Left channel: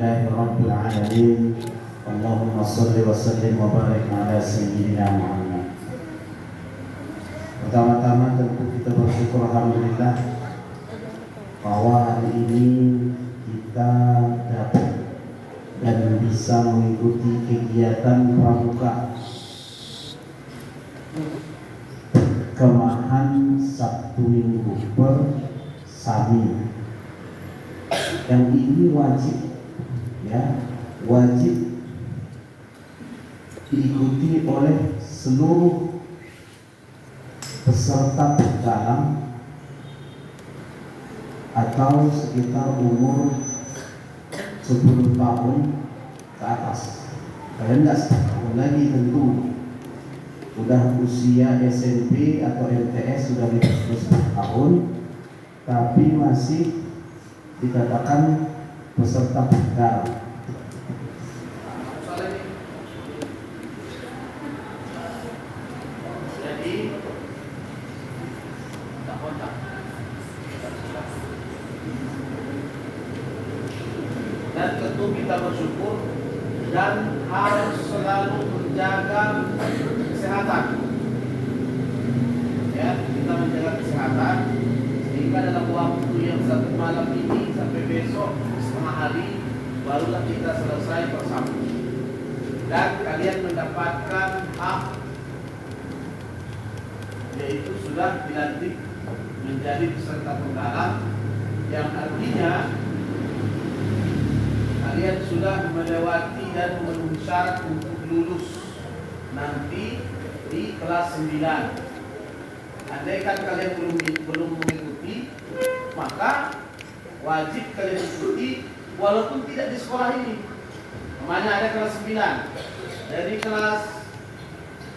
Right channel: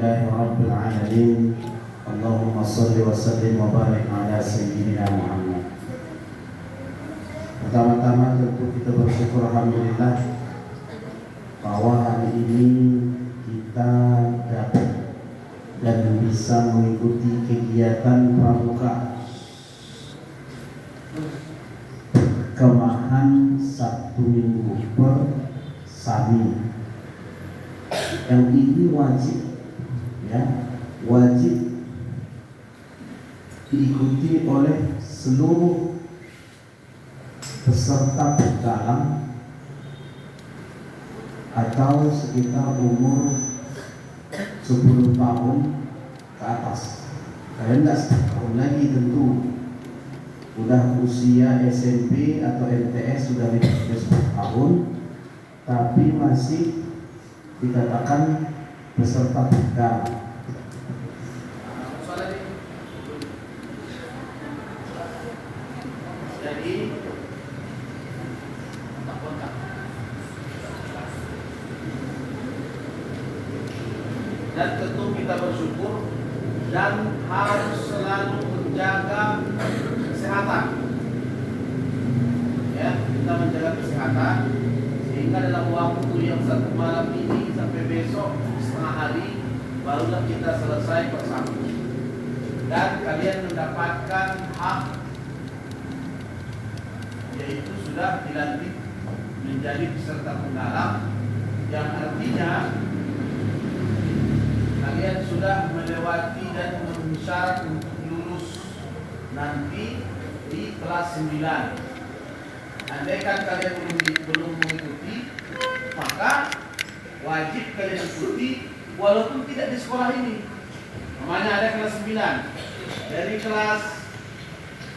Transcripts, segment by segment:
Alhamdulillahi Rabbil Alamin. Allahumma salli wa sallim wa barik ala Sayyidina Muhammad. Pertama-tama tentu kita bersyukur Alhamdulillah bahwa hari ini kita dapat dan bisa mengikuti kegiatan pramuka kemahan Sabtu Minggu bersami. Yang ini wajib, ya, wajib diikuti oleh seluruh peserta dalam atau sekitar umur 10 tahun ke atas. Kalian nggak setahun lagi tentu, udah usia SMP atau MTS sudah 15 tahun, tapi masih dikatakan peserta dalam. Dan tentu kita bersyukur dan harus selalu menjaga kesehatan. Ya, kita menjaga kesehatan sehingga dalam waktu yang satu malam ini sampai besok setengah hari barulah kita selesai bersama. Dan kalian mendapatkan hak, yaitu sudah dilantik menjadi peserta penggalang, yang artinya kalian sudah melewati dan memenuhi syarat untuk lulus nanti di kelas 9. Andaikan kalian belum mengikuti, maka wajib kalian ikuti walaupun tidak di sekolah ini. Namanya ada kelas 9. Dari kelas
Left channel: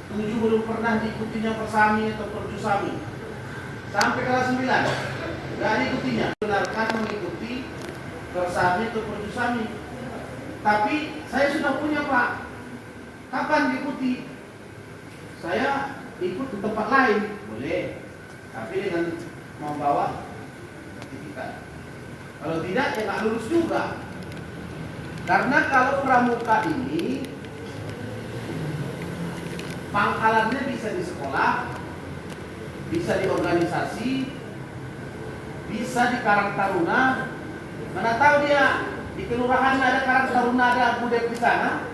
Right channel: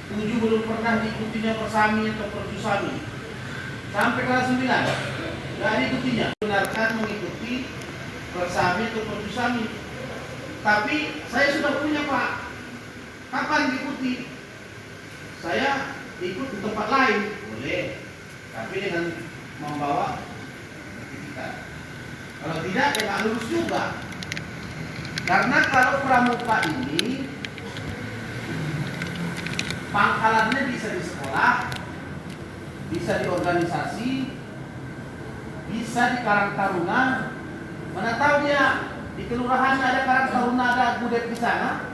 7 belum pernah diikutinya persami atau perjusami. Sampai kelas 9 tidak diikutinya. Benarkan mengikuti persami atau perjusami. Tapi saya sudah punya, Pak. Kapan diikuti? Saya ikut di tempat lain, boleh. Tapi dengan membawa sertifikat. Kalau tidak, ya nggak lulus juga. Karena kalau pramuka ini pangkalannya bisa di sekolah, bisa di organisasi, bisa di Karang Taruna. Mana tahu dia di kelurahan ada Karang Taruna, ada budet di sana.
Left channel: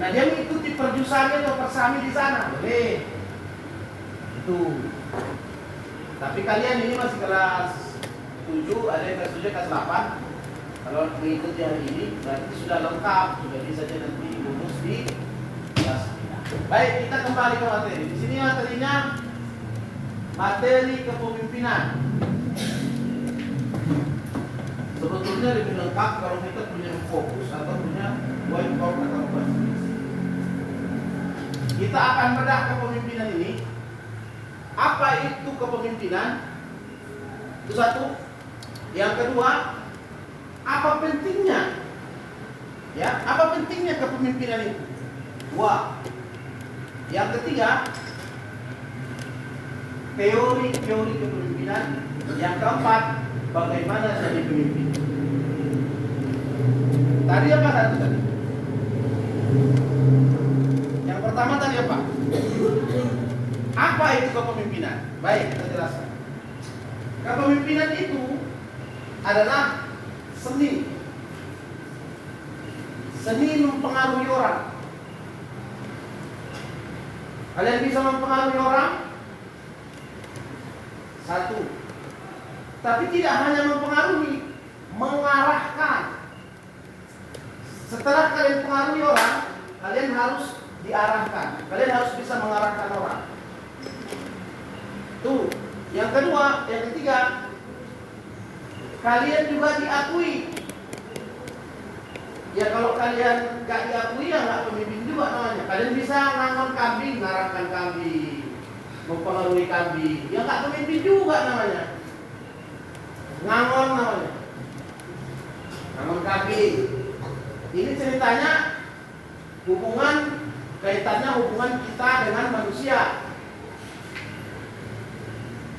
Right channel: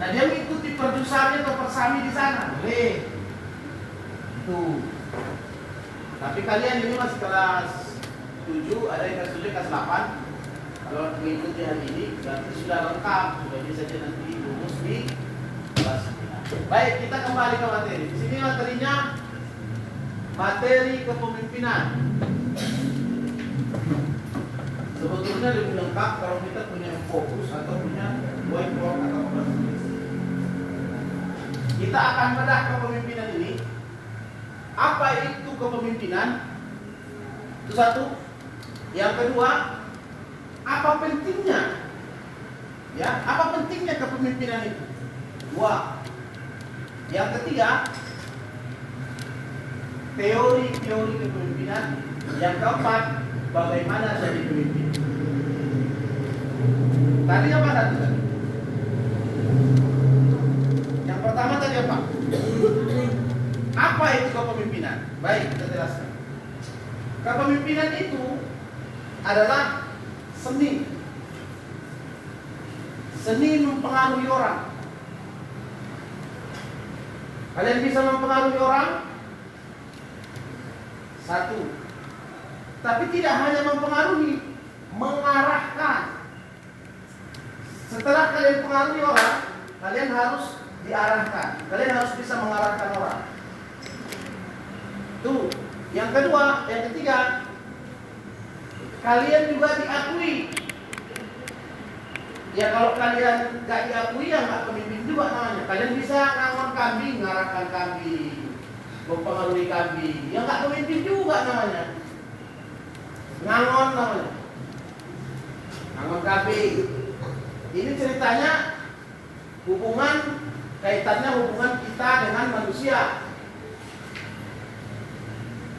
Nah, dia mengikuti perjusami atau persami di sana, boleh. Itu. Tapi kalian ini masih kelas 7, ada yang kelas 7, kelas 8. Kalau mengikuti hari ini berarti sudah lengkap, sudah bisa nanti lulus di kelas 9. Baik, kita kembali ke materi. Di sini materinya materi kepemimpinan. Sebetulnya lebih lengkap kalau kita punya fokus atau punya whiteboard atau apa. Kita akan bedah kepemimpinan ini. Apa itu kepemimpinan? Itu satu. Yang kedua, apa pentingnya? Ya, apa pentingnya kepemimpinan itu? Dua. Yang ketiga, teori-teori kepemimpinan. Yang keempat, bagaimana jadi pemimpin. Tadi apa satu tadi? Yang pertama tadi apa? Apa itu kepemimpinan? Baik, kita jelaskan. Kepemimpinan itu adalah seni. Seni mempengaruhi orang. Kalian bisa mempengaruhi orang? Satu. Tapi tidak hanya mempengaruhi, mengarahkan. Setelah kalian pengaruhi orang, kalian harus diarahkan. Kalian harus bisa mengarahkan orang. Tuh. Yang kedua, yang ketiga, kalian juga diakui. Ya kalau kalian gak diakui, ya gak pemimpin juga namanya. Kalian bisa ngangon kambing, ngarahkan kambing, mempengaruhi kambing. Ya gak pemimpin juga namanya. Ngangon namanya. Ngangon kambing. Ini ceritanya kaitannya hubungan kita dengan manusia.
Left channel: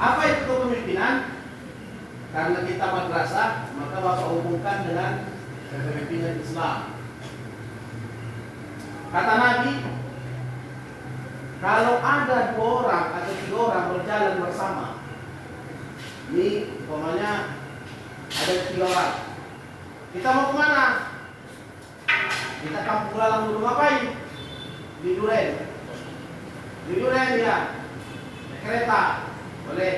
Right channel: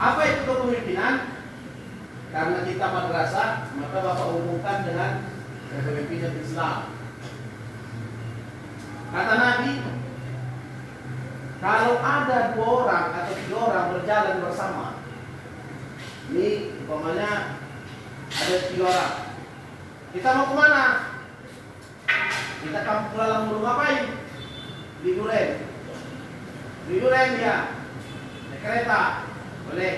Apa itu kepemimpinan? karena kita madrasah, maka Bapak hubungkan dengan kepemimpinan Islam. Kata Nabi, kalau ada 2 orang atau 3 orang berjalan bersama, ini umpamanya ada 3 orang, kita mau kemana? Kita kampung lalang dulu, ngapain? Di Duren. Di Duren ya, naik kereta, boleh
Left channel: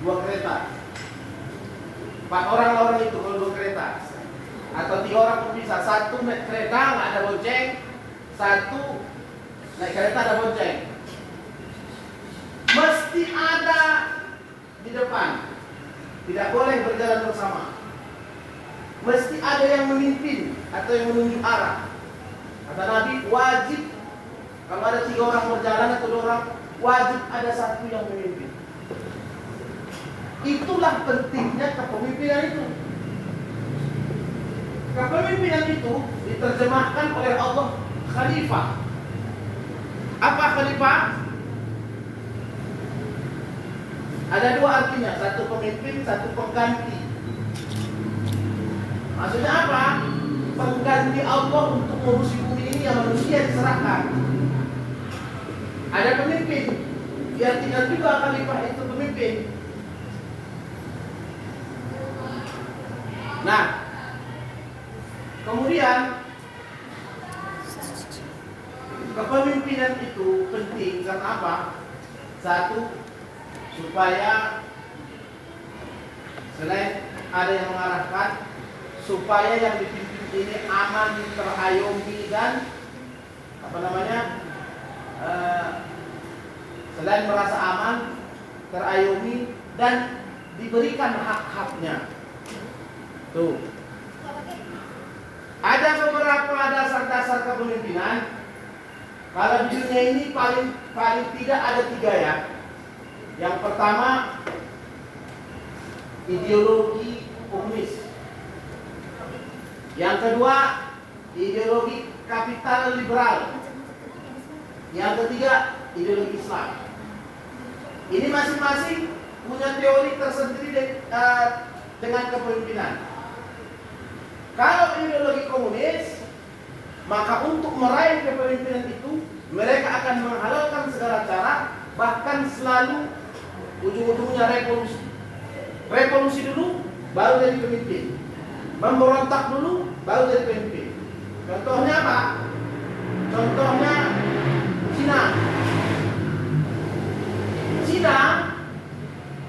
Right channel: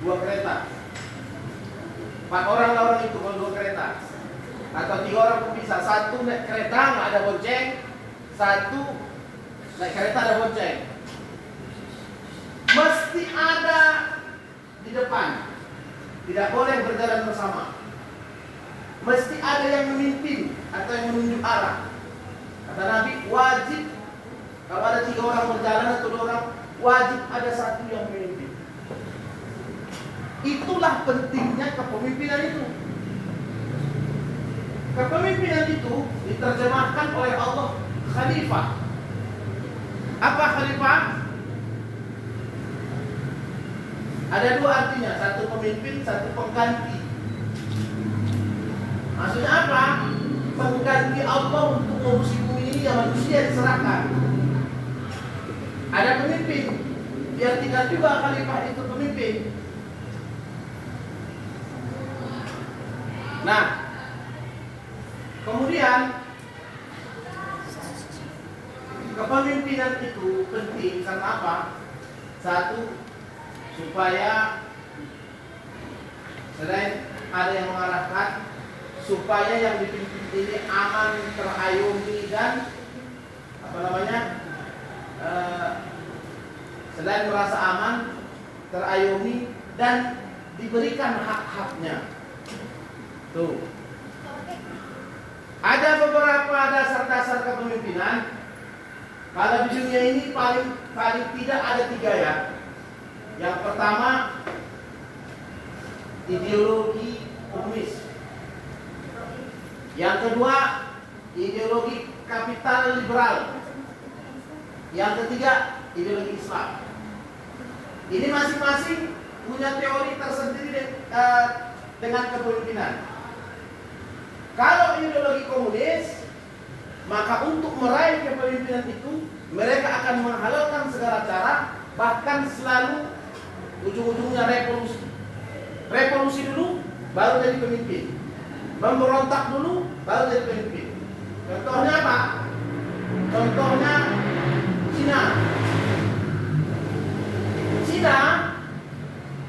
2 kereta. 4 orang lawan itu kalau 2 kereta, atau 3 orang pun bisa. 1 naik kereta nggak ada bonceng, 1 naik kereta ada bonceng. Mesti ada di depan, tidak boleh berjalan bersama. Mesti ada yang memimpin atau yang menunjuk arah. Kata Nabi, wajib kalau ada 3 orang berjalan atau 2 orang, wajib ada 1 yang memimpin. Itulah pentingnya kepemimpinan itu. Kepemimpinan itu diterjemahkan oleh Allah khalifah. Apa khalifah? Ada 2 artinya, 1 pemimpin, 1 pengganti. Maksudnya apa? Pengganti Allah untuk ngurusi bumi ini yang manusia diserahkan. Ada pemimpin, diartikan juga khalifah itu pemimpin. Nah, kemudian kepemimpinan itu penting karena apa? 1, supaya selain ada yang mengarahkan, supaya yang dipimpin ini aman, terayomi dan selain merasa aman, terayomi dan diberikan hak-haknya. Tuh. Ada beberapa dasar-dasar kepemimpinan. Kalau di dunia ini paling tidak ada 3 ya. Yang pertama, ideologi komunis. Yang kedua, ideologi kapital liberal. Yang ketiga, ideologi Islam. Ini masing-masing punya teori tersendiri dengan kepemimpinan. Kalau ideologi komunis, maka untuk meraih kepemimpinan itu, mereka akan menghalalkan segala cara, bahkan selalu ujung-ujungnya revolusi. Revolusi dulu, baru jadi pemimpin. Memberontak dulu, baru jadi pemimpin. Contohnya apa? Contohnya Cina. Cina,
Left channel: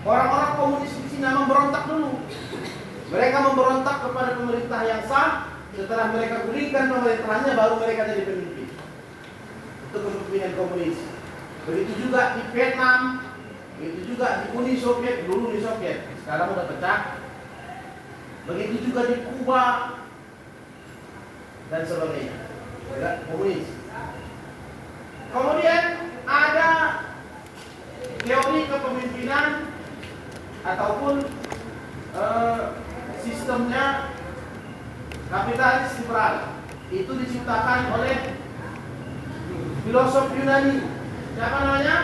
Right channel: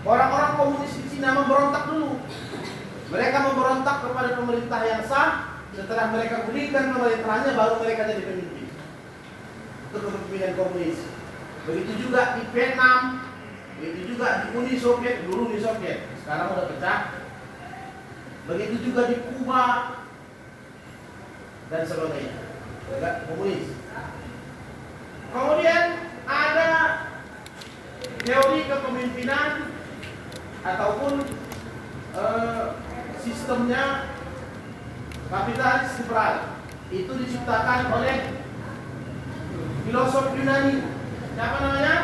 orang-orang komunis di Cina memberontak dulu. Mereka memberontak kepada pemerintah yang sah. Setelah mereka gulingkan pemerintahannya, baru mereka jadi pemimpin. Itu kepemimpinan komunis. Begitu juga di Vietnam, begitu juga di Uni Soviet, dulu di Soviet, sekarang udah pecah. Begitu juga di Kuba dan sebagainya, juga komunis. Kemudian ada teori kepemimpinan ataupun sistemnya kapitalis liberal. Itu diciptakan oleh filosof Yunani. Siapa namanya?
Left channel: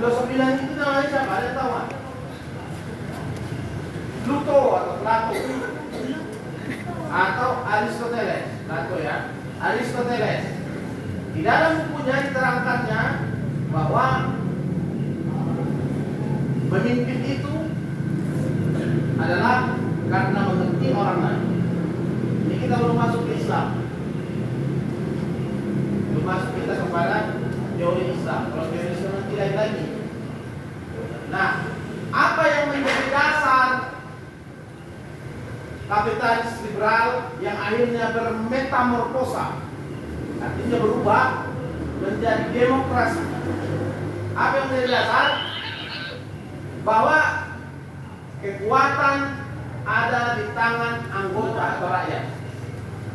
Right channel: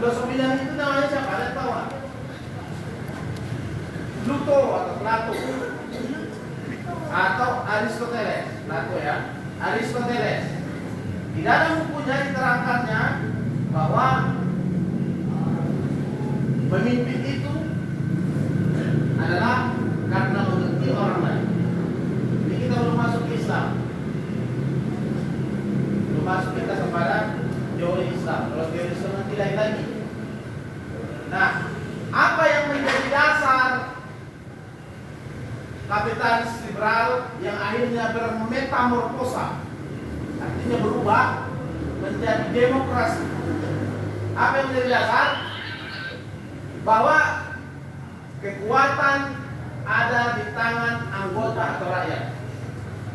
Filosof Yunani itu namanya siapa? Ada yang tahu nggak? Plato atau Plato atau Aristoteles. Plato ya, Aristoteles. Di dalam bukunya diterangkannya bahwa pemimpin itu adalah karena mengerti orang lain. Ini kita belum masuk ke Islam, belum masuk kita kepada teori Islam. Kalau teori Islam nanti lain lagi. Nah, apa yang menjadi dasar kapitalis liberal yang akhirnya bermetamorfosa, artinya berubah menjadi demokrasi? Apa yang menjadi dasar? Bahwa kekuatan ada di tangan anggota atau rakyat.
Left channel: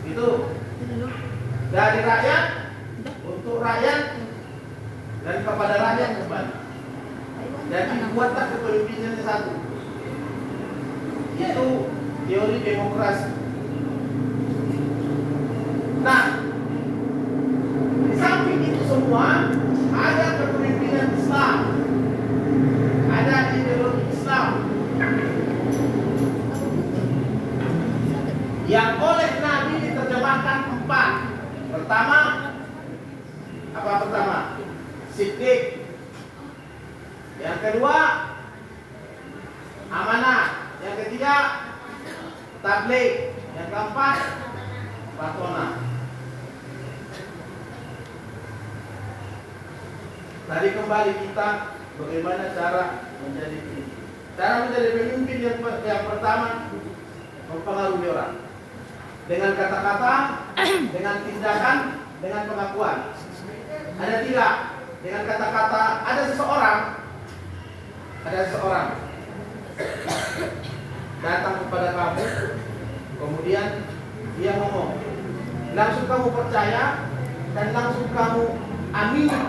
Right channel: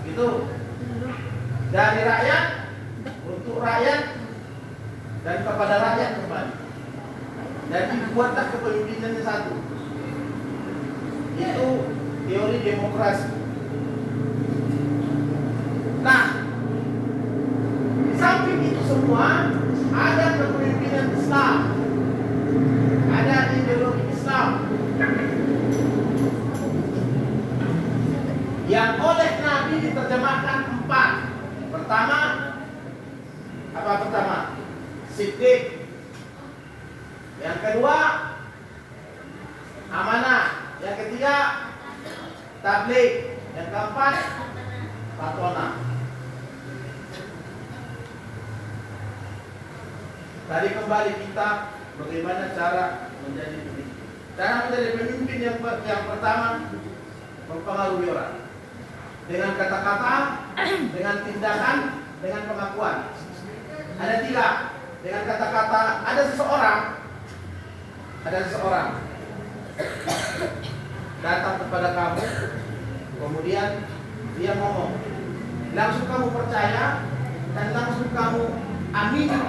Itu dari rakyat untuk rakyat dan kepada rakyat kembali. Jadi dibuatlah kepemimpinannya satu. Itu teori demokrasi. Nah, di samping itu semua ada kepemimpinan Islam, ada ideologi Islam. disiplin. Yang kedua, amanah. Yang ketiga, tabligh. Yang keempat, patona. Tadi kembali kita bagaimana cara menjadi pemimpin. Cara menjadi pemimpin yang pertama, mempengaruhi orang dengan kata-kata, dengan tindakan, dengan pengakuan. Ada tiga. Dengan kata-kata, ada seseorang datang kepada kamu, kemudian dia ngomong, langsung kamu percaya dan langsung kamu amini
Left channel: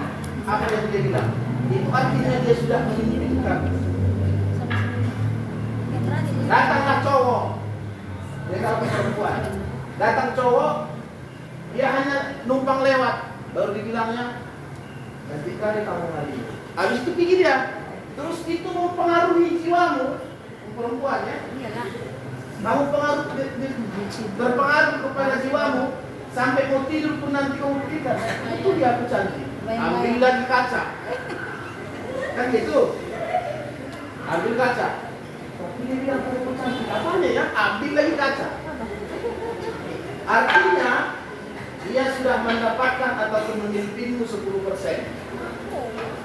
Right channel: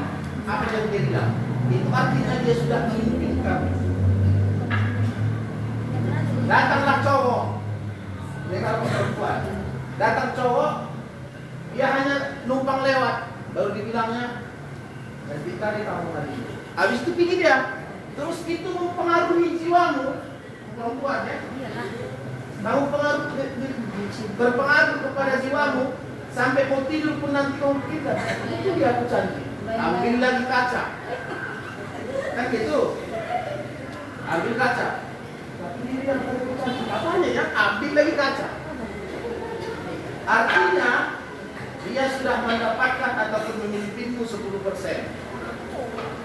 apa yang dia bilang. Itu artinya dia sudah memimpin kamu. Datanglah cowok, dia kalau perempuan, datang cowok, dia hanya numpang lewat, baru dibilangnya, nanti kali kamu hari ini. Habis itu pergi dia, terus itu mempengaruhi jiwamu, perempuan ya. Kamu berpengaruh kepada jiwamu, sampai mau tidur pun nanti kamu kita. Itu dia aku cantik. Ambil lagi kaca, kan gitu. Ambil kaca. Tapi dia bilang aku cantik. Apanya ya? Ambil lagi kaca. Artinya dia sudah mendapatkan ataupun memimpinmu 10%.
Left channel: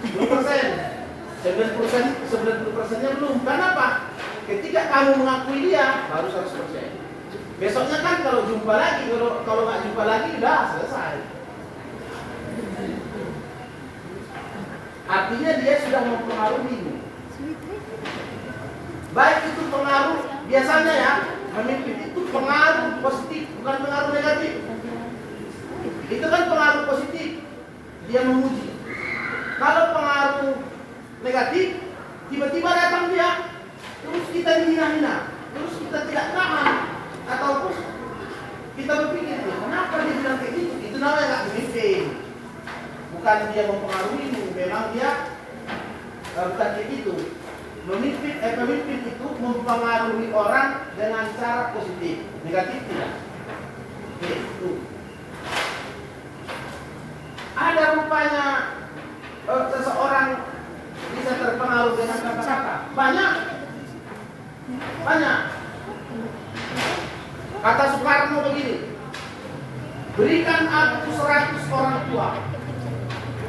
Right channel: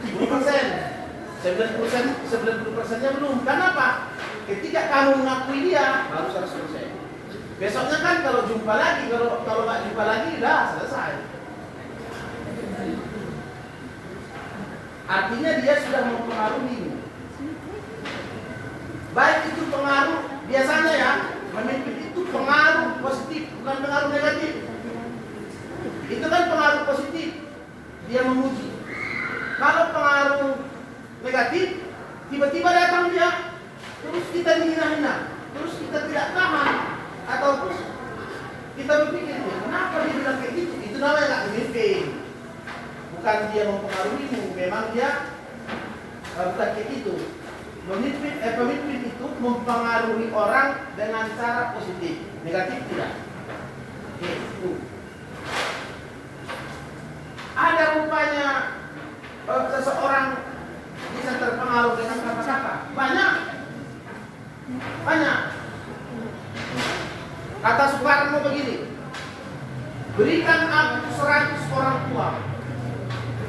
10%. 90%nya belum. Kenapa? Ketika kamu mengakui dia, baru 100%. Besoknya kan kalau jumpa lagi, kalau nggak jumpa lagi, udah selesai. Artinya dia sudah mempengaruhimu. Baik itu pengaruh, biasanya ya, memimpin itu pengaruh positif, bukan pengaruh negatif. Itu kan pengaruh positif, dia memuji. Kalau pengaruh negatif, tiba-tiba datang dia, terus kita dihina-hina, terus kita tidak tahan, ataupun kita berpikir, kenapa dia bilang kayak gitu? Itu namanya nggak memimpin. Bukan dia mempengaruhi, memang dia bukan kayak gitu. Pemimpin itu mempengaruhi orang dengan cara positif, negatif tidak. Itu. Ada rupanya seseorang bisa terpengaruh dengan kata-kata. Banyak. Kata Soekarno begini, berikan aku 100 orang tua.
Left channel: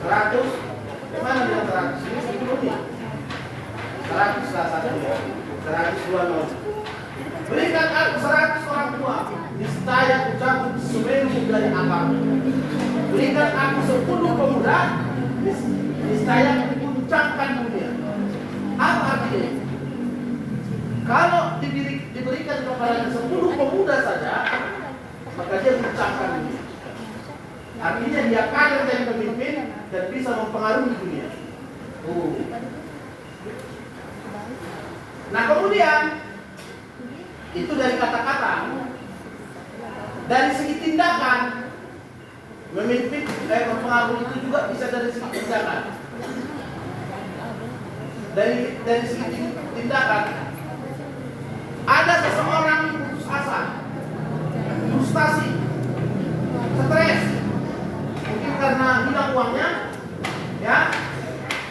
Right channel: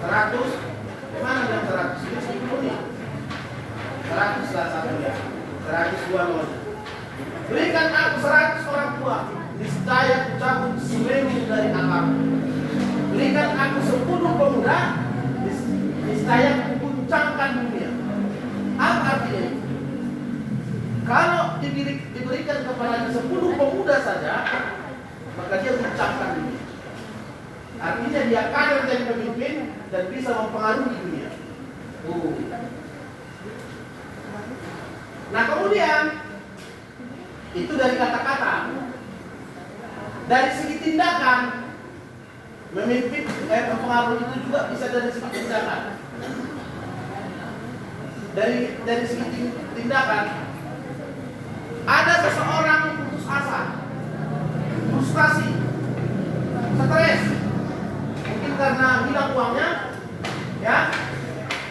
100, mana yang 100? Ini 10 nih. 100 lah satu ya. 102 non. Berikan aku 100 orang tua, niscaya ku cabut semeru dari akarmu. Berikan aku 10 pemuda, niscaya ku guncangkan dunia. Apa artinya? Kalau diberikan kepada 10 pemuda saja, maka dia guncangkan dunia. Artinya dia akan menjadi pemimpin dan bisa mempengaruhi dunia. Nah kemudian itu dari kata-kata, dari segi tindakan, memimpin mempengaruhi itu juga bisa dari segi tindakan. Dari segi tindakan, ada seseorang yang putus asa, frustasi, stres, mungkin karena hilang uangnya, ya,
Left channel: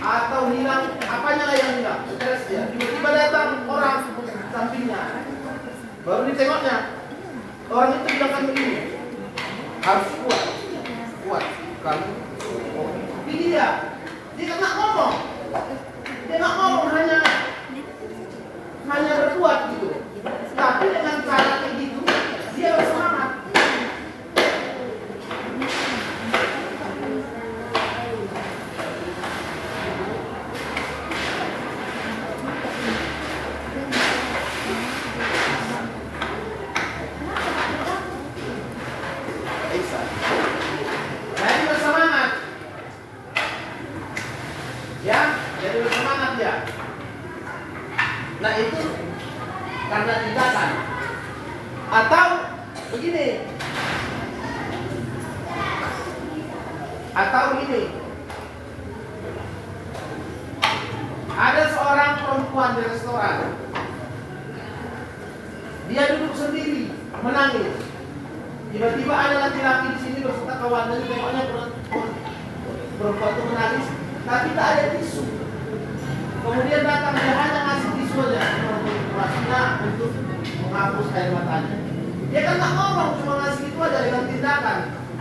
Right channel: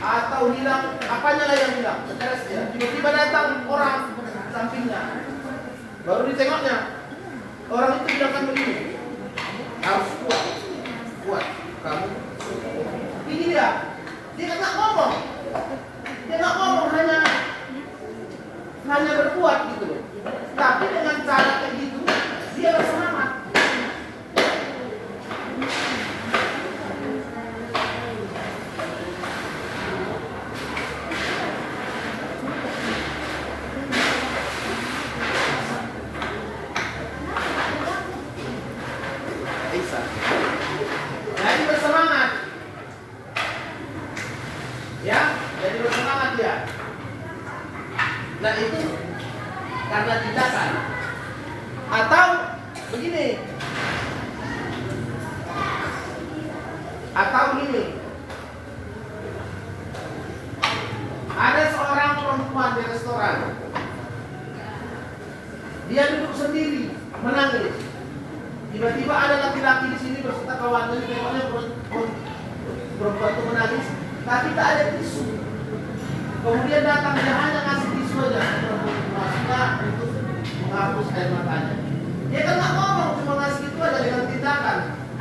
atau hilang apanya lah yang hilang, stres dia. Tiba-tiba datang orang sampingnya, baru ditengoknya, orang itu bilang begini, harus kuat, kamu. Ini dia nggak ngomong, hanya berkuat gitu. Tapi dengan cara kayak gitu, dia bersemangat. Jadi bersemangat. Ya, jadi bersemangat ya. Nah itu karena tindakan. Atau begini. Atau ini. Ada seorang perempuan di restoran. Dia duduk sendiri, menangis. Tiba-tiba ada laki-laki di sini berserta kawannya, tengoknya perempuan itu menangis. tapi tak ada tisu. Kemudian datang dia hanya ngasih tisu aja untuk menghapus air matanya. Dia kan tak ngomong, cuma ngasih itu aja dengan tindakan,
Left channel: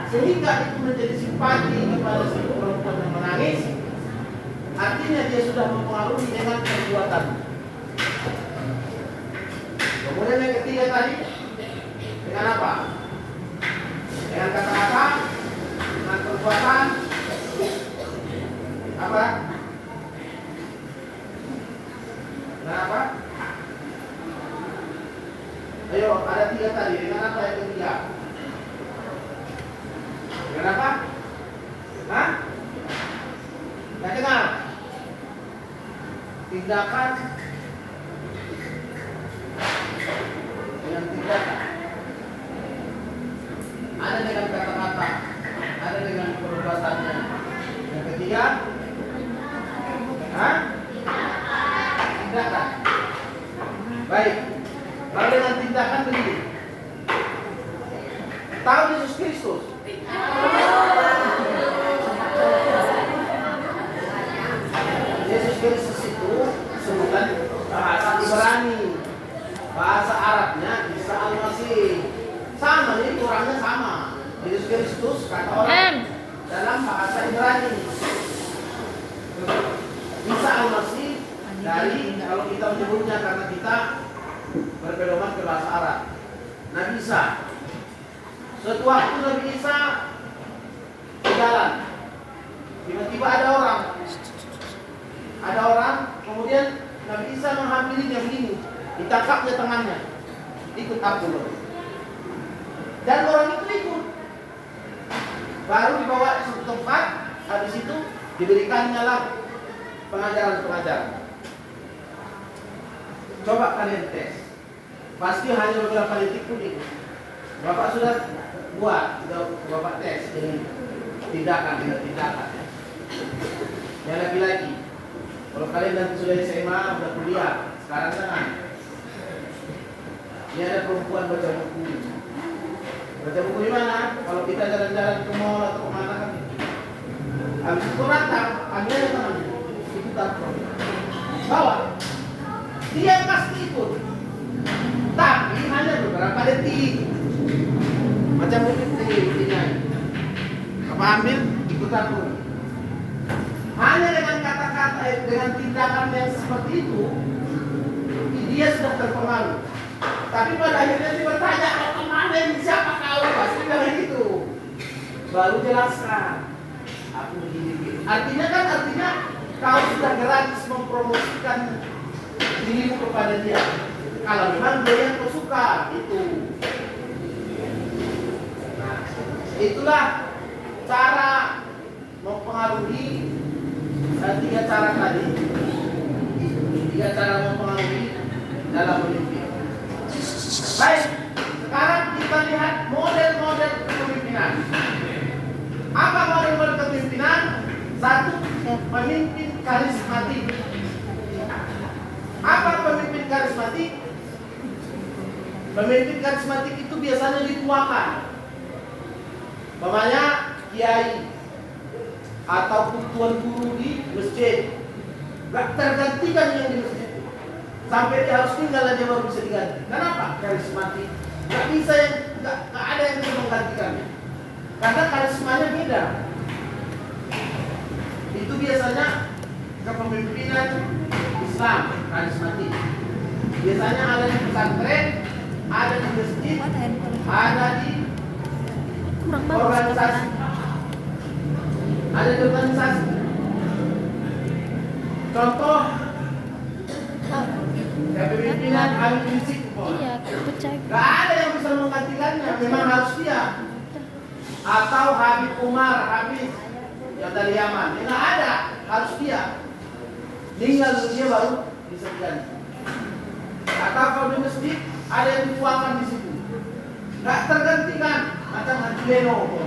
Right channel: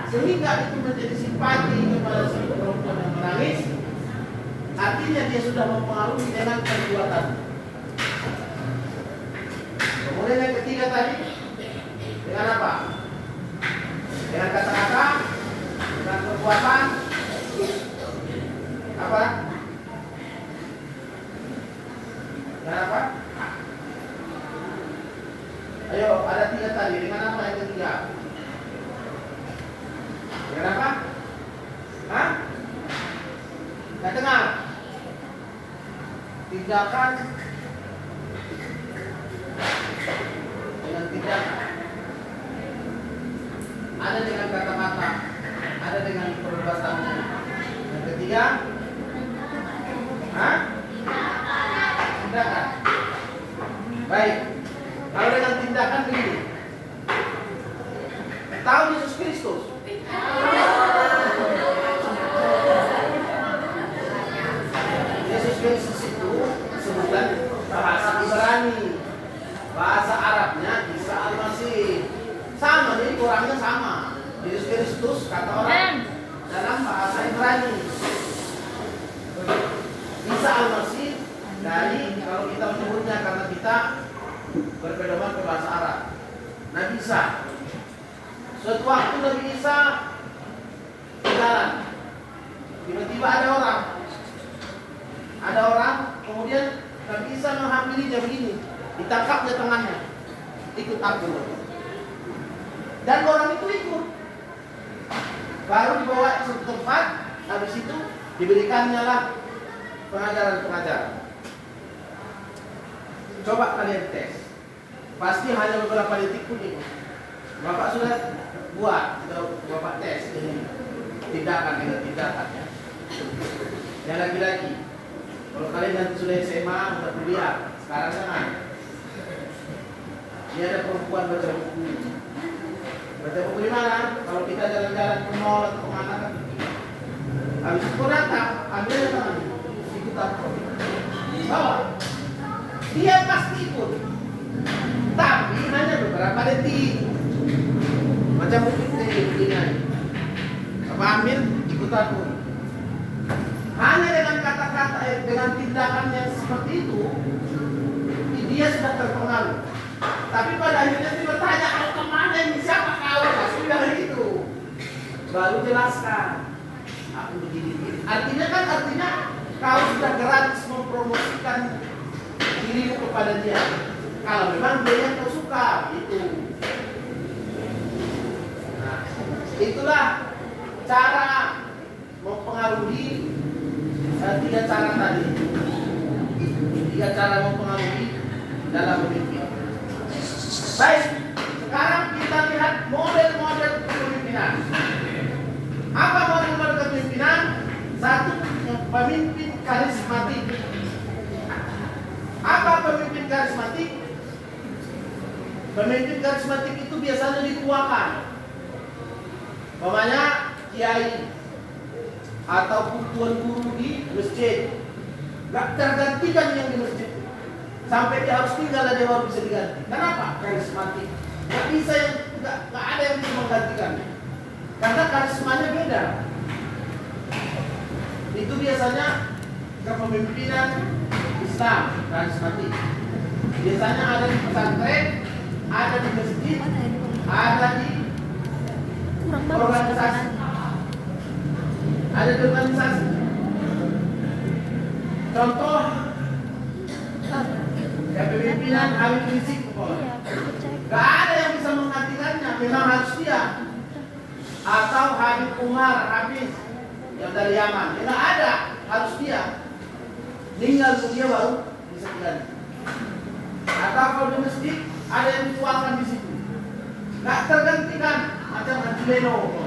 sehingga itu menjadi simpati kepada si perempuan yang menangis. Artinya dia sudah mempengaruhi dengan perbuatan. Kemudian yang ketiga tadi, dengan apa? Dengan kata-kata, dengan perbuatan, apa? Dengan apa? Ayo, ada 3 tadi. Dengan apa yang ketiga? Dengan apa? Hah? Nggak dengar? Tindakan dengan tindakan. Ada dengan kata-kata, ada dengan perbuatannya. Yang ketiga, hah? Tindakan. Baik. Kalau dengan tindakan begini, tahu Yesus Kristus? Yesus Kristus itu sebutan bahasa Ibrani, bahasa Arabnya Isa Al-Masih. Sama, jadi orangnya sama. Yesus Kristus kata orang dalam bahasa Ibrani. Isa Al-Masih dari, kalau kita menyebutnya karena kita berpedoman ke bahasa Arab, Nabi Isa. Suatu waktu Nabi Isa berjalan, tiba-tiba ada orang, kemudian Nabi Isa menghampiri dia begini, ditangkapnya tangannya, ikut aku loh. Dan orang itu ikut, baru dibawa ke suatu tempat, habis itu diberikannya lah pengajaran. Coba kalian tes, pasti hanya beberapa detik pun ikut. Bapak sudah buat, Bapak tes ini tindakan ya. Yang laki-laki, kalau kalian nanti sudah SMA, sudah kuliah, sekarang kan ini ada perempuan baca buku. Baca buku di mana? Kalau kita jalan-jalan ke mall atau kemana kan, habis itu datang, ambil aja tangannya, ikutan bawa. Dia pasti ikut, tapi hanya beberapa detik. Macam mungkin begini, apa ambil ikut aku. Hanya dengan kata-kata, dengan tindakan yang seperti itu, dia sudah terpengaruh. Tapi pada akhirnya dia bertanya, kemana ini, siapa kau? Pasti bilang gitu. Baru jelaskan, aku begini. Artinya kau sudah gratis mempromosikan dirimu kepada dia. Kalau memang dia yang kau suka, itu. Nah, itulah cara mempengaruhi. Tiga cara tadi. Tiga cara mempengaruhi dalam memimpin. Baik, sekarang kita lihat model-model kepemimpinan. Apa model-model kepemimpinan? Satu, pemimpin karismatik. Apa pemimpin karismatik? Pemimpin karismatik itu biasanya dituakan. Umpamanya kiai ataupun tuan guru di masjid, gak tergantikan yang di masjid. Sampai dia harus tinggal dia baru bisa diganti. Kenapa? Karismatik. Gak bisa yang gak ada yang bisa menggantikannya. Karena karismanya beda. Itu biasanya kepemimpinan Islam karismatik. Biasanya ada di pesantren, ada di masjid, ada di organisasi. Ada di organisasi. Contoh kepemimpinan Habib Rizik. Gak ada yang bisa menggantikannya, memang harus dia. Atau Habib Umar, Habib yang dari Yaman, tidak ada, harus dia. Tinggal dia baru bisa diganti. Atau kalau di masjid ada yang dituakan di situ, nggak tergantikan. Macam Haji Leno,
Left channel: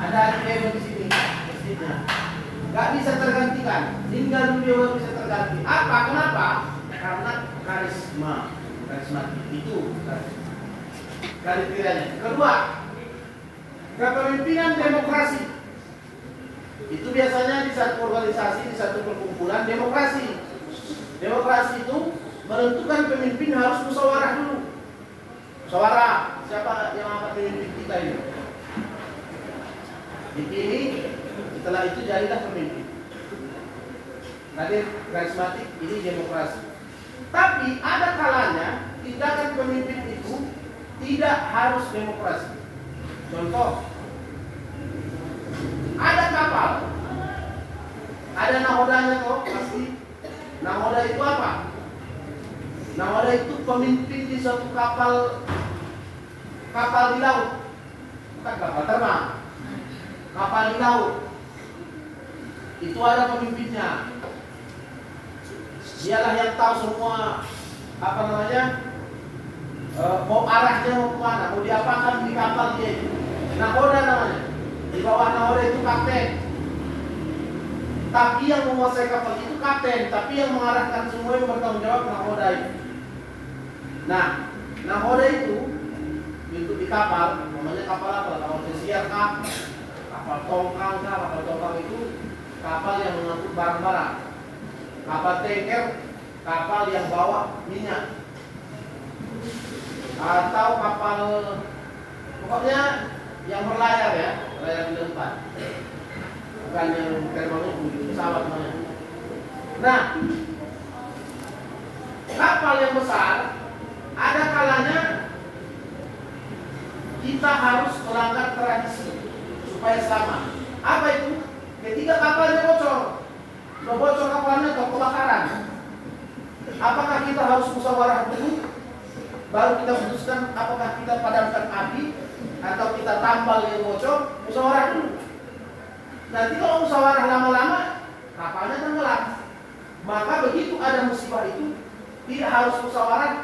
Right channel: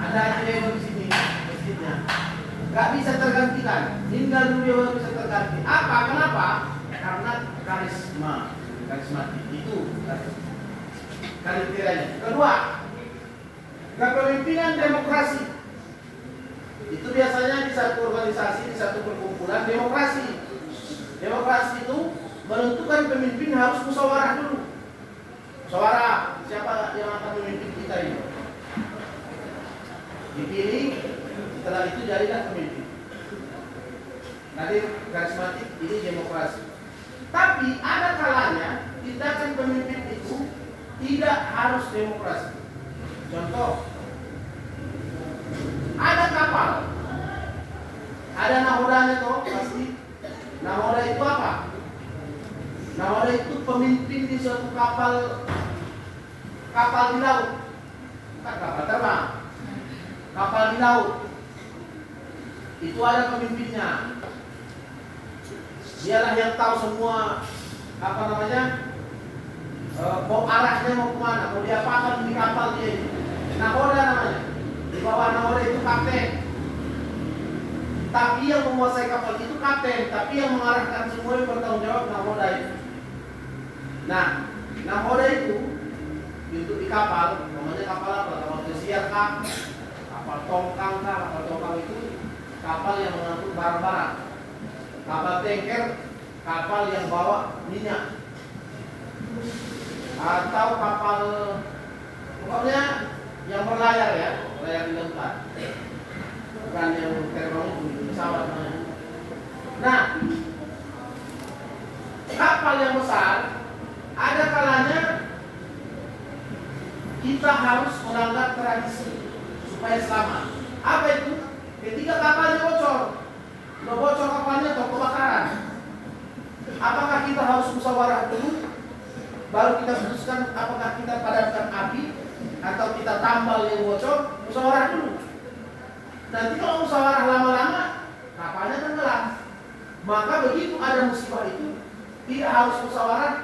ada Haji Leno di sini, masjidnya, nggak bisa tergantikan. Tinggal dia baru bisa terganti. Apa? Kenapa? Karena karismatik itu kriterianya. Kedua, kepemimpinan demokrasi. Itu biasanya di satu organisasi, di satu perkumpulan demokrasi. Demokrasi itu menentukan pemimpin harus musyawarah dulu. Musyawarah, siapa yang akan memimpin kita ini? Dipilih, setelah itu jadilah pemimpin. Nanti karismatik, ini demokrasi. Tapi ada kalanya tindakan pemimpin itu tidak harus demokrasi. Contoh, ada kapal, ada nahodanya kok pasti. Nahoda itu apa? Nahoda itu pemimpin di suatu kapal di laut, bukan kapal terbang, kapal di laut. Itu ada pemimpinnya. Dialah yang tahu semua mau arahnya mau kemana, mau diapakan di kapal dia. Nahoda namanya. Di bawah nahoda itu kapten. Tapi yang menguasai kapal itu kapten, tapi yang mengarahkan semua yang bertanggung jawab nahoda itu. Nah, nahoda itu bentuk di kapal, namanya kapal apa? Kapal pesiar kah? Kapal tongkang kah? Kapal tongkang itu kapal yang mengangkut barang-barang. Kapal tanker, kapal yang bawa minyak. Atau kapal, pokoknya yang berlayar ya, layar di tempat. Bukan yang terbang itu, pesawat namanya. Nah, kapal yang besar, ada kalanya kita harus melanggar tradisi supaya selamat. Apa itu? Ketika kapalnya bocor, kapalnya atau kebakaran, apakah kita harus musyawarah dulu? Baru kita putuskan apakah kita padamkan api atau kita tambal yang bocor, musyawarah dulu. Nanti kalau musyawarah lama-lama, kapalnya tenggelam. Maka begitu ada musibah itu, tidak harus musyawarah,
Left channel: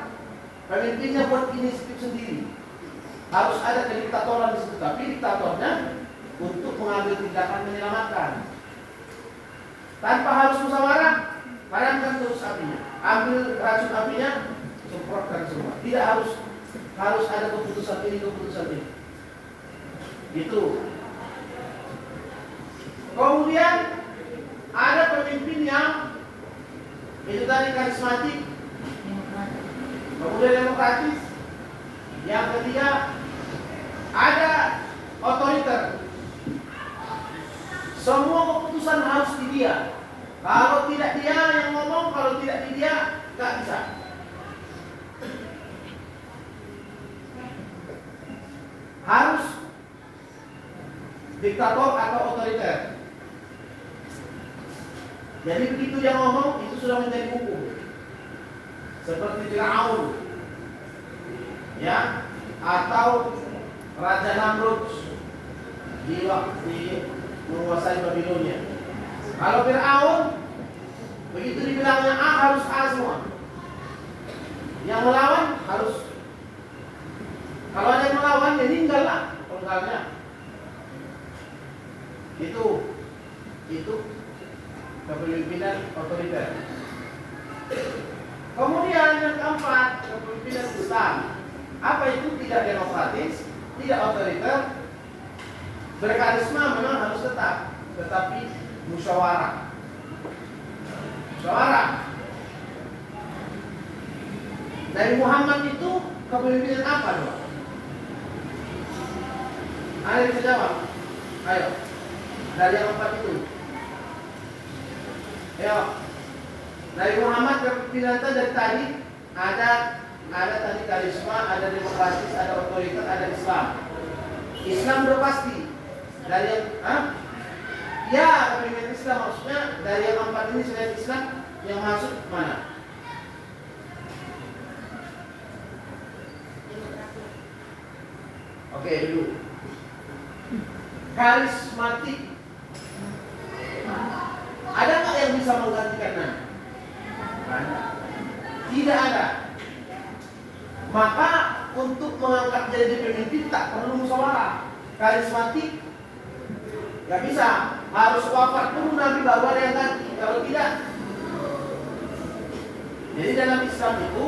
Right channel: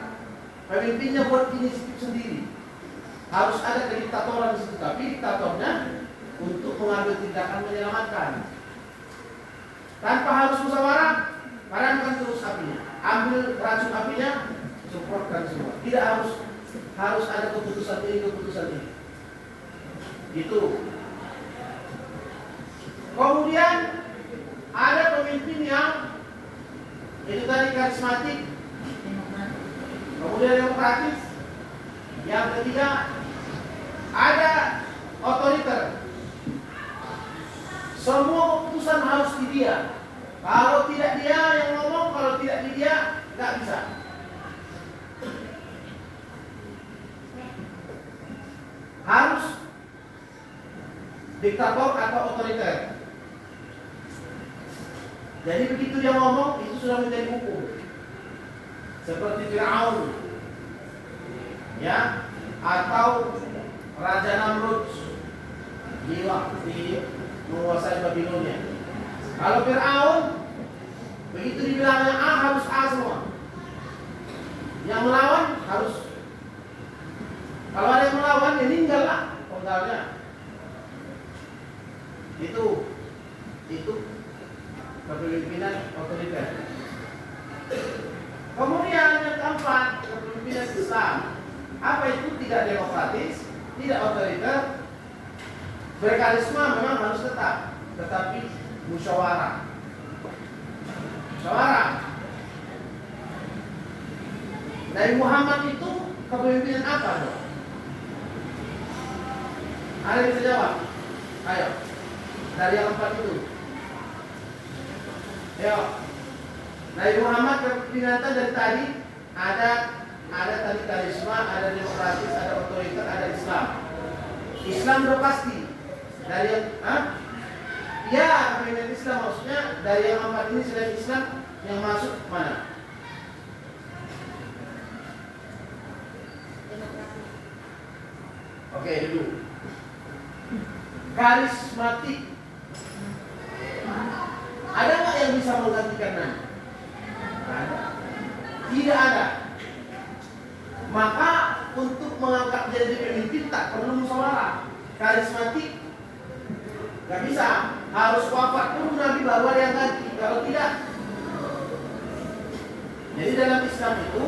pemimpinnya buat inisiatif sendiri. Harus ada kediktatoran di situ, tapi diktatornya untuk mengambil tindakan menyelamatkan. Tanpa harus musyawarah, padamkan terus apinya, ambil racun apinya, semprotkan semua. Tidak harus ada keputusan ini. Itu. Kemudian ada pemimpin yang itu tadi karismatik, kemudian demokratis. Yang ketiga ada otoriter. Semua keputusan harus di dia. Kalau tidak dia yang ngomong, kalau tidak di dia nggak bisa. Harus diktator atau otoriter. Jadi begitu dia ngomong itu sudah menjadi hukum. Seperti Fir'aun, ya, atau Raja Namrud di waktu menguasai Babilonia. Kalau Fir'aun begitu dibilangnya A harus A semua. Yang melawan harus. Kalau ada yang melawan ya tinggal lah penggalnya. Itu kepemimpinan otoriter. Kemudian yang keempat, kepemimpinan Islam. Apa itu? Tidak demokratis, tidak otoriter, berkarisma memang harus tetap, tetapi musyawarah. Dari Muhammad itu kepemimpinan apa dong? Ada yang bisa jawab? Ayo. Dari yang empat itu. Ayo. Dari Muhammad kepemimpinan dari tadi ada tadi karisma, ada demokratis, ada otoriter, ada Islam. Islam udah pasti. Dari yang ya, kepemimpinan Islam maksudnya dari yang empat ini selain Islam yang masuk mana? Oke, dulu. Karismatik. Ada nggak yang bisa menggantikannya? Tidak ada. Maka untuk mengangkat jadi pemimpin tak perlu musyawarah. Karismatik nggak bisa, harus wafat pun Nabi baru ada yang ganti. Kalau tidak, jadi dalam Islam itu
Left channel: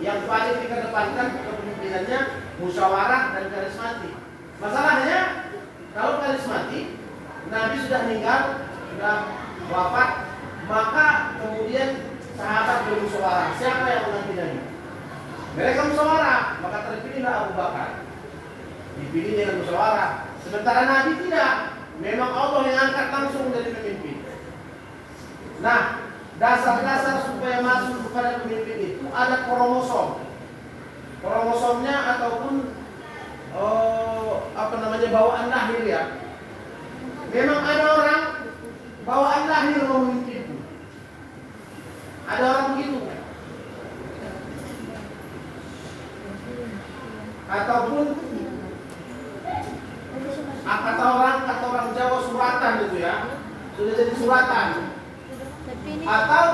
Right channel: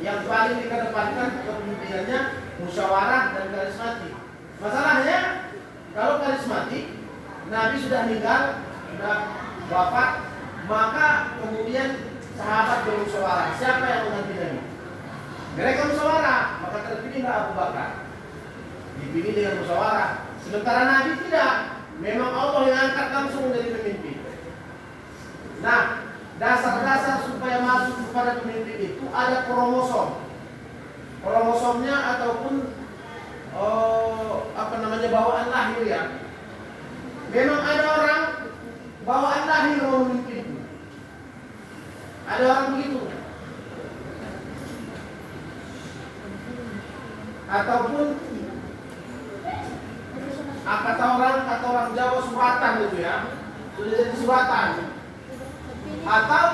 yang paling dikedepankan kepemimpinannya musyawarah dan karismatik. Masalahnya kalau karismatik Nabi sudah meninggal, sudah wafat, maka kemudian sahabat bermusyawarah, siapa yang mengganti Nabi? Mereka musyawarah, maka terpilihlah Abu Bakar. Dipilih dengan musyawarah. Sementara Nabi tidak, memang Allah yang angkat langsung dari pemimpin. Nah, dasar-dasar supaya masuk kepada pemimpin itu ada kromosom. Kromosomnya ataupun bawaan lahir ya. Memang ada orang bawaan lahir memimpin itu. Ada orang begitu. Ataupun kata orang Jawa suratan itu ya. Sudah jadi suratan. Atau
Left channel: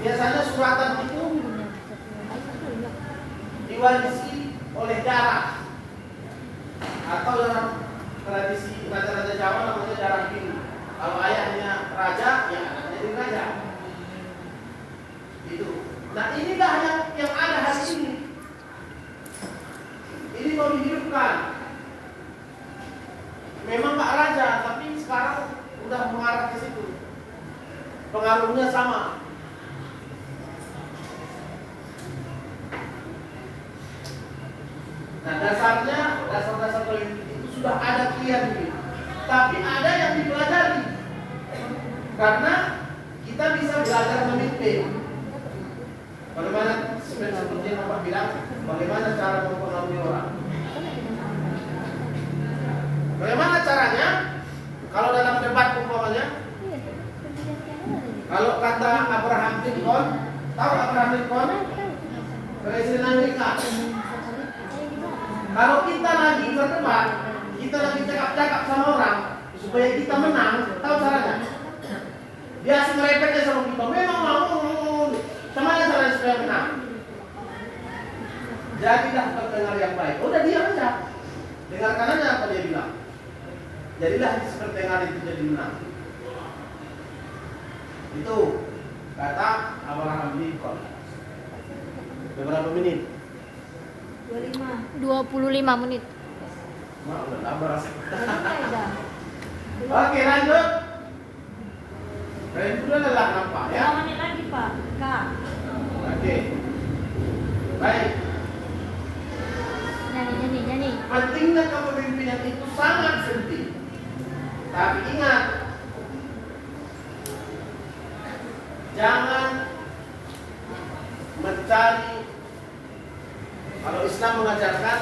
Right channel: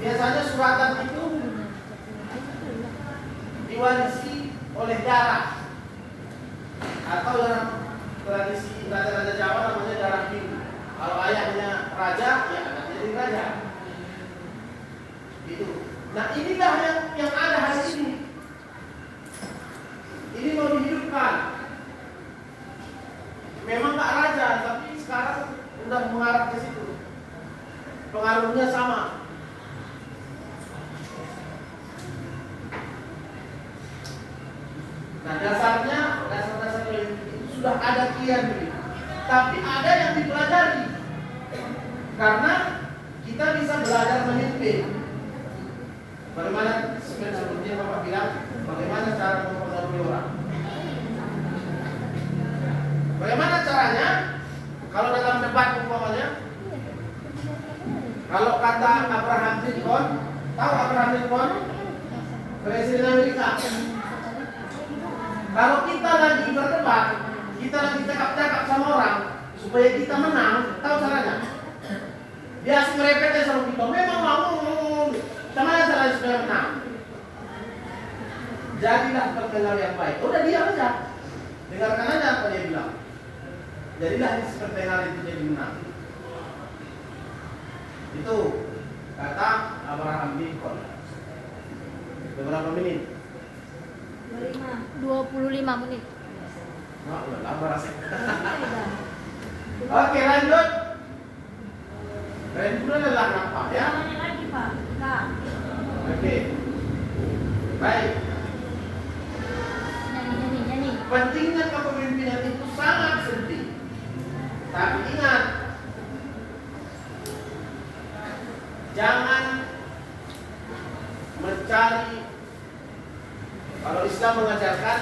biasanya suratan itu diwarisi oleh darah, atau dalam tradisi raja-raja Jawa namanya darah biru. Kalau ayahnya raja, ya anaknya jadi raja. Itu. Nah inilah yang ada hari ini. Ini mau dihidupkan. Memang Pak Raja, tapi sekarang udah mengarah ke situ. Pengaruhnya sama. Nah dasar politik itu sudah ada kian ini. Tapi ada yang dipelajari. Karena kita bisa belajar memimpin. Bagaimana seperti yang Bapak bilang, bagaimana cara mempengaruhi orang. Bagaimana caranya? Kalau dalam debat umpamanya, kalau kata Abraham Lincoln, tahu Abraham Lincoln? Presiden Amerika. Kalau kita lagi berdebat, kita lagi cakap-cakap sama orang supaya kita menang, tahu caranya? Biasa merepetnya sama kita, memang mau sama caranya supaya menang. Jadilah pendengar yang baik. Udah diam aja, dengarkan aja apa dia bilang. Jadilah seperti pendengar itu jadi menang. Itu kata Abraham Lincoln. Berapa menit? 25 menit. Nah, udah lama rasanya. Oke, lanjut. Dan itu adalah apa ya? Lagi Pak. Oke. Baik. Nyanyi. Pentingnya kepemimpinan itu sangat penting. Tapi ingat, jangan mencari. Kalau Islam mengajarkan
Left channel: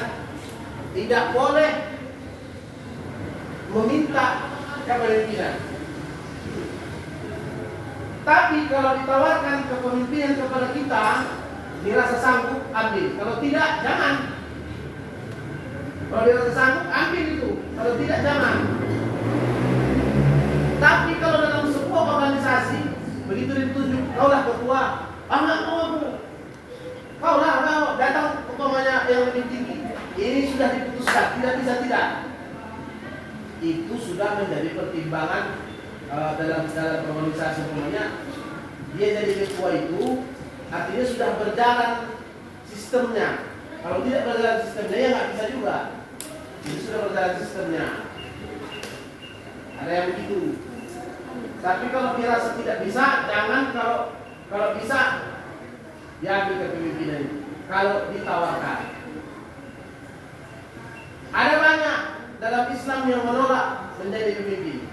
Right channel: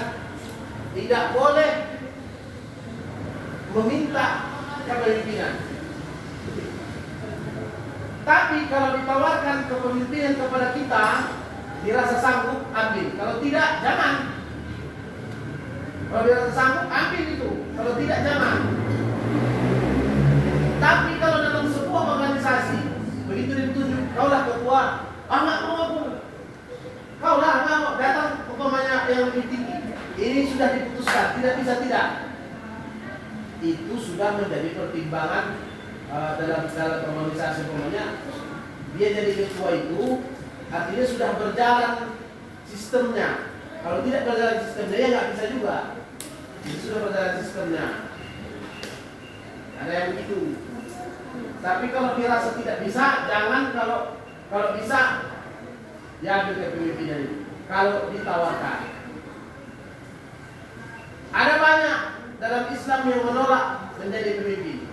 tidak boleh meminta kepemimpinan. Tapi kalau ditawarkan kepemimpinan kepada kita, dirasa sanggup, ambil. Kalau tidak, jangan. Kalau dirasa sanggup, ambil itu. Kalau tidak, jangan. Tapi kalau dalam sebuah organisasi, begitu ditunjuk, kaulah ketua, nggak mau aku. Kaulah, datang umpamanya yang lebih tinggi. Ini sudah diputuskan, tidak bisa tidak. Itu sudah menjadi pertimbangan dalam organisasi umpamanya. Dia jadi ketua itu, artinya sudah berjalan sistemnya. Kalau tidak berjalan sistemnya, ya nggak bisa juga. Jadi sudah berjalan sistemnya. Ada yang begitu. Tapi kalau dirasa tidak bisa, jangan. Kalau bisa, ya ambil kepemimpinan itu. Kalau ditawarkan, ada banyak dalam Islam yang menolak menjadi pemimpin.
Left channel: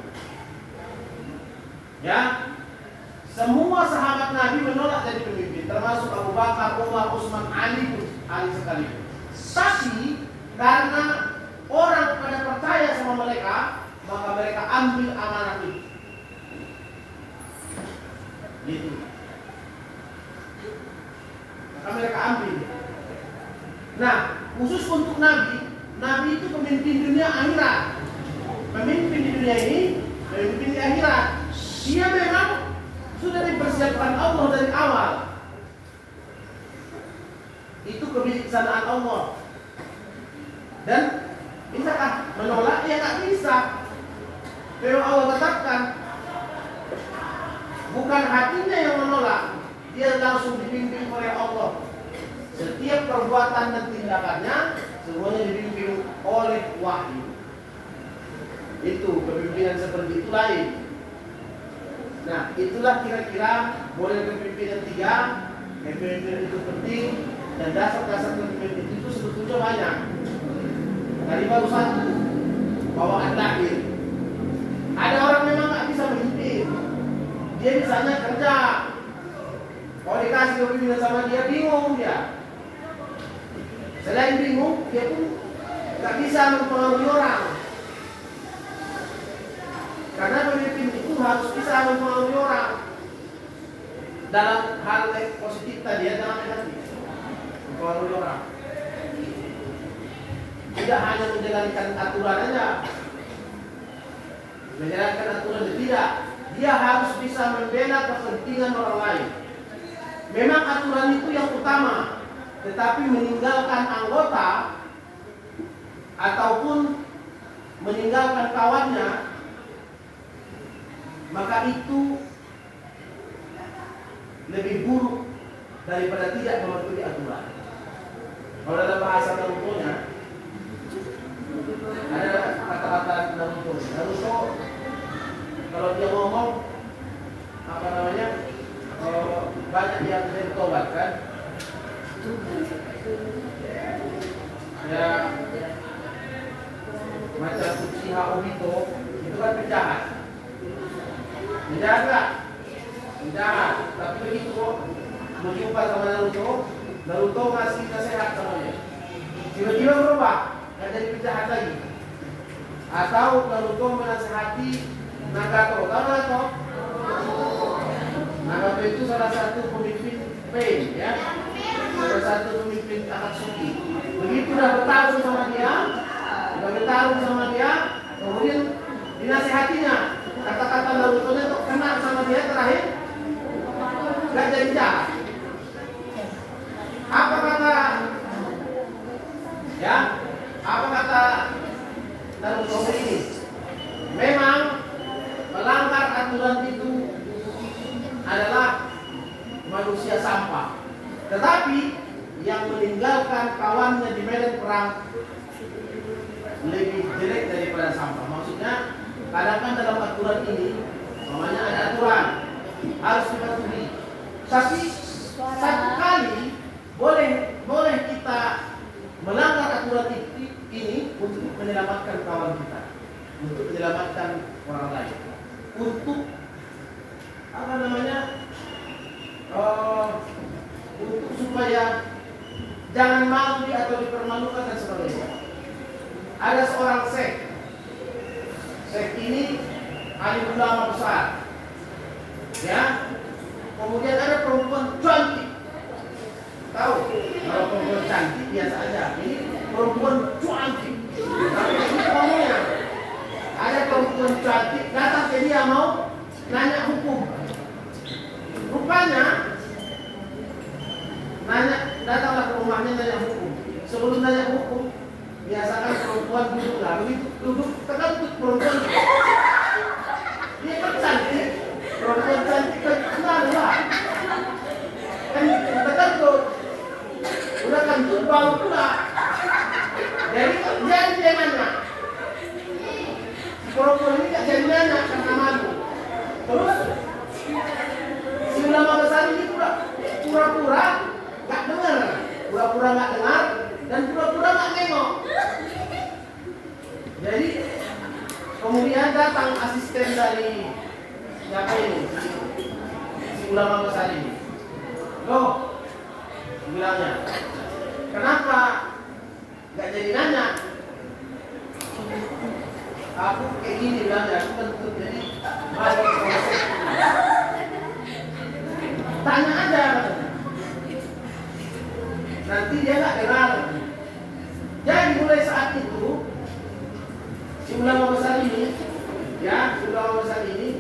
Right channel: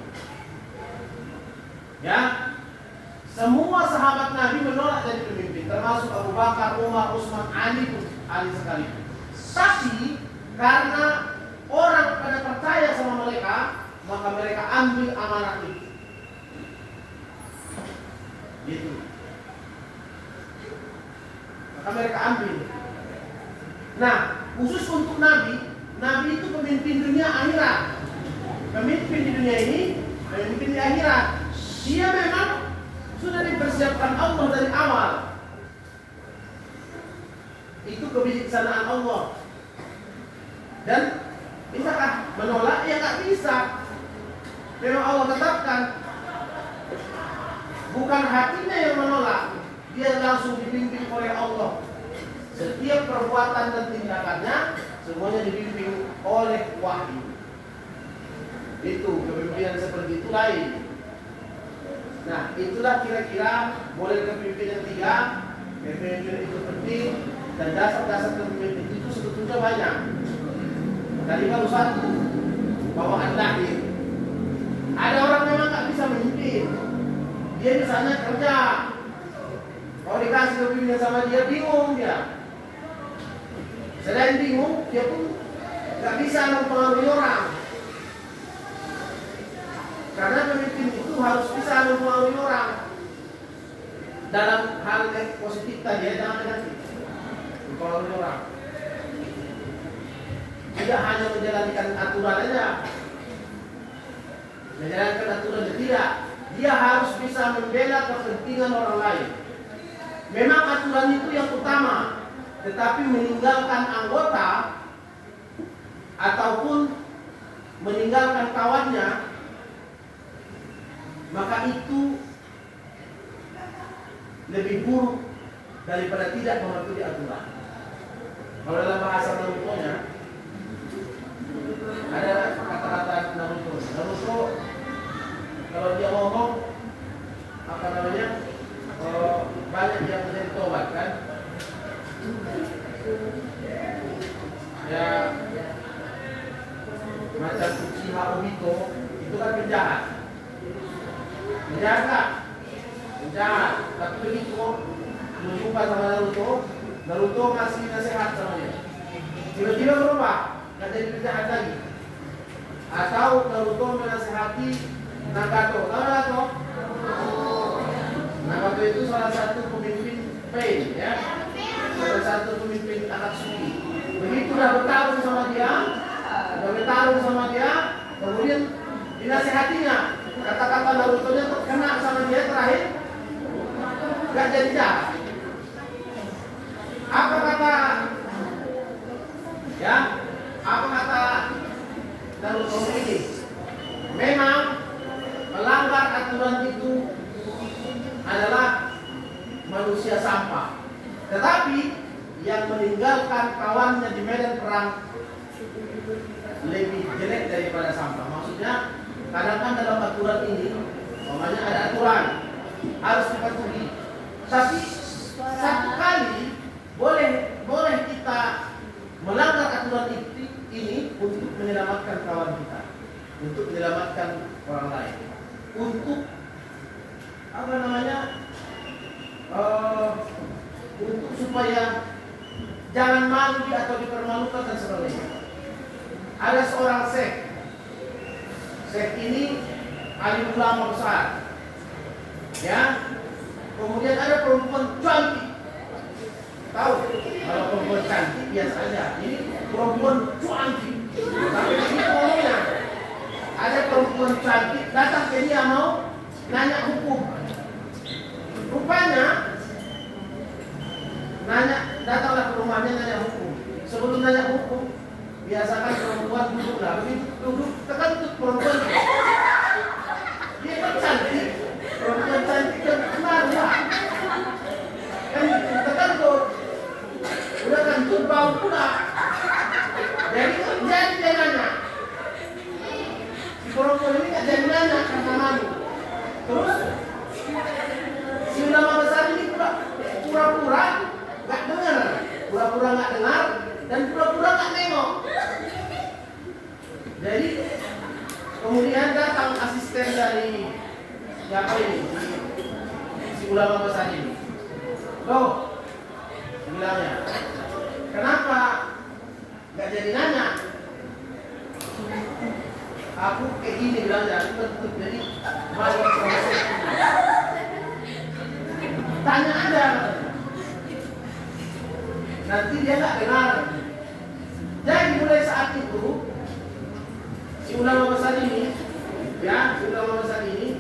Ya, semua sahabat Nabi menolak jadi pemimpin, termasuk Abu Bakar, Umar, Utsman, Ali sekalipun. Tapi karena orang pada percaya sama mereka, maka mereka ambil amanat itu. Gitu. Maka mereka ambil. Nah, khusus untuk Nabi itu pemimpin dunia akhirat. Pemimpin di dunia ini, pemimpin di akhirat. Dia memang sudah dipersiapkan Allah dari awal. Itu kebijaksanaan Allah. Dan bisakah menolak? Ya nggak bisa. Memang Allah tetapkan. Bukan hatinya yang menolak, dia langsung dibimbing oleh Allah. Setiap perbuatan dan tindakannya semuanya dibimbing oleh wahyu. Itu kepemimpinan seperti itu lain. Nah, itulah kira-kira model kepemimpinan 3. Kepemimpinan itu penting dan dasar-dasar kepemimpinan itu sebetulnya banyak. Tadi baru 1, bawaan lahir. Ada orang memang nggak bisa memimpin. Dia misalnya kerja, kalau dikasih kepemimpinan sama dia bingung dia. Selain bingung, dia pun nggak bisa mempengaruhi orang. Karena pemimpin itu harus bisa mempengaruhi orang dalam hal positif tadi, jangan negatif. Mempengaruhi orang. Tidak hanya menjalankan aturan aja. Menjalankan aturan tidak. Dia harus bisa membela kepentingan orang lain. Memang aturan itu yang utama, tetapi meninggalkan anggota ataupun meninggalkan kawannya, maka itu lebih buruk daripada tidak mematuhi aturan. Kalau dalam bahasa Naruto-nya ada kata-kata Naruto. Naruto kalau dia ngomong apa namanya, banyak yang dari tobat kan, ya macam Uchiha Obito itu kan penjahat. Penjahat nggak? Penjahat. Tapi begitu berjumpa sama Naruto, Naruto ngasih nasihat sama dia. Tiba-tiba berubah, nggak jadi penjahat lagi. Atau Naruto menasihati Nagato. Tahu Nagato? Nagato itu salah satu pemimpin Pain, ya. Salah satu pemimpin Akatsuki. Begitu udah bertarung sama dia, kemudian dinasihatinya. Kata-kata Naruto-nya untuk kena sama dia terakhir gak jadi jahat. Apa kata Naruto ini? Memang melanggar aturan itu adalah manusia sampah. Tetapi yang meninggalkan kawannya di medan perang lebih jelek daripada sampah. Maksudnya kadang kan dalam aturan ini, namanya ada aturan harus dipatuhi. Tapi satu kali boleh kita melanggar aturan ini untuk menyelamatkan kawan kita, untuk menyelamatkan orang lain, untuk apa namanya, untuk supaya jangan malu atau dipermalukan dan sebagainya. Ada seorang Syekh ini alim ulama besar, ya. Kemudian ada perempuan cantik. Tahu, kalau perempuan cantik biasa aja. Ini perempuan cantik. Tapi ini ngomongnya. Ada perempuan cantik datang ke dia mau nanya hukum. Rupanya datanglah ke rumahnya nanya hukum. Sebelum nanya hukum, biasakan perempuan duduklah. Begitu duduk, terkentut perempuan. Dia kan cantik. Perempuan cantik kan kenal lah. Terkentut. Udah kentut bau pula. Jadi dia nanya. Perempuan ini gak jadi nanya karena malu. Terus si ulama besar ini pura-pura gak dengar. Pura-pura gak dengar dan pura-pura gak nengok. Jadi kemudian datang asisten dari siapa ini? Si ulama besar ini. Loh, bilangnya, kenapa gak jadi nanya? Aku kayak gini bilangnya, aku bentuk jadi malu proses. Tanya aja, nanti dia gak dengar. Jadi mulai saat itu si ulama besar ini,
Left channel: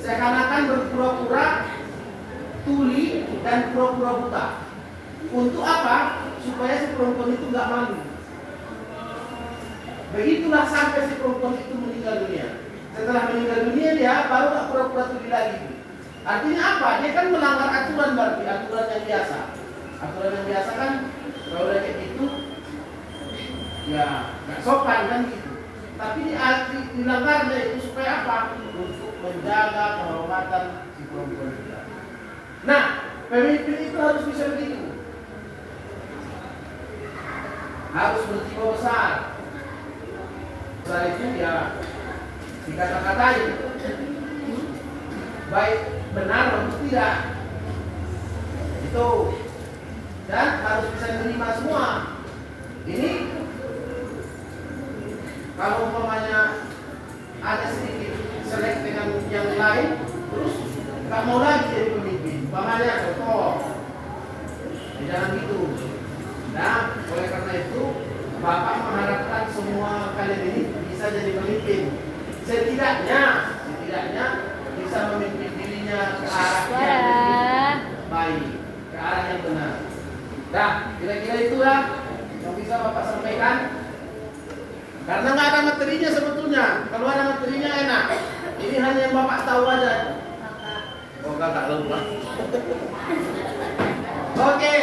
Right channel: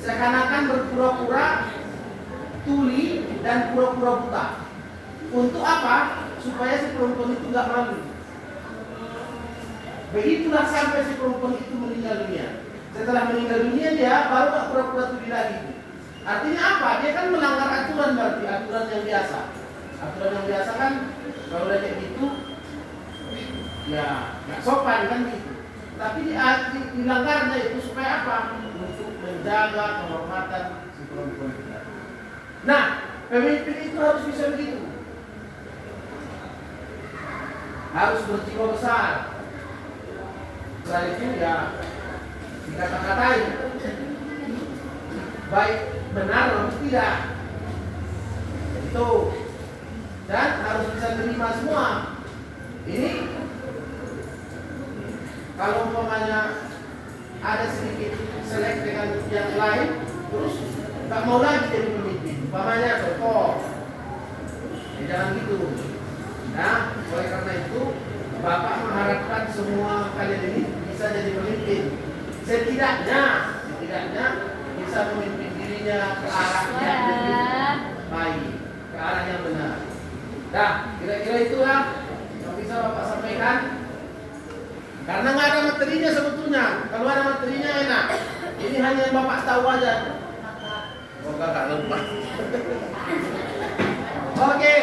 seakan-akan berpura-pura tuli dan pura-pura buta. Untuk apa? Supaya si perempuan itu gak malu. Begitulah sampai si perempuan itu meninggal dunia. Setelah meninggal dunia dia baru gak pura-pura tuli lagi. Artinya apa? Dia kan melanggar aturan, berarti aturan yang biasa. Aturan yang biasa kan kalau kayak gitu ya nggak sopan kan gitu. Tapi dilanggarnya itu supaya apa? Untuk menjaga kehormatan si perempuan itu. Nah, pemimpin itu harus bisa begitu. Harus berjiwa besar. Setelah itu ya dikata-katain, baik benar atau tidak. Itu. Dan harus bisa menerima semua. Ini kalau umpamanya ada sedikit selek dengan yang lain, terus nggak mau lagi jadi pemimpin. Umpamanya contoh, jangan gitu. Nah, oleh karena itu Bapak mengharapkan semua kalian ini bisa jadi pemimpin. Setidaknya bisa memimpin dirinya ke arah yang lebih baik, ke arah yang benar. Nah, kira-kira itulah yang bisa Bapak sampaikan. Karena nggak ada materinya sebetulnya. Kalau ada materinya enak. Ini hanya yang Bapak tahu aja. Oh, nggak lupa. Oke.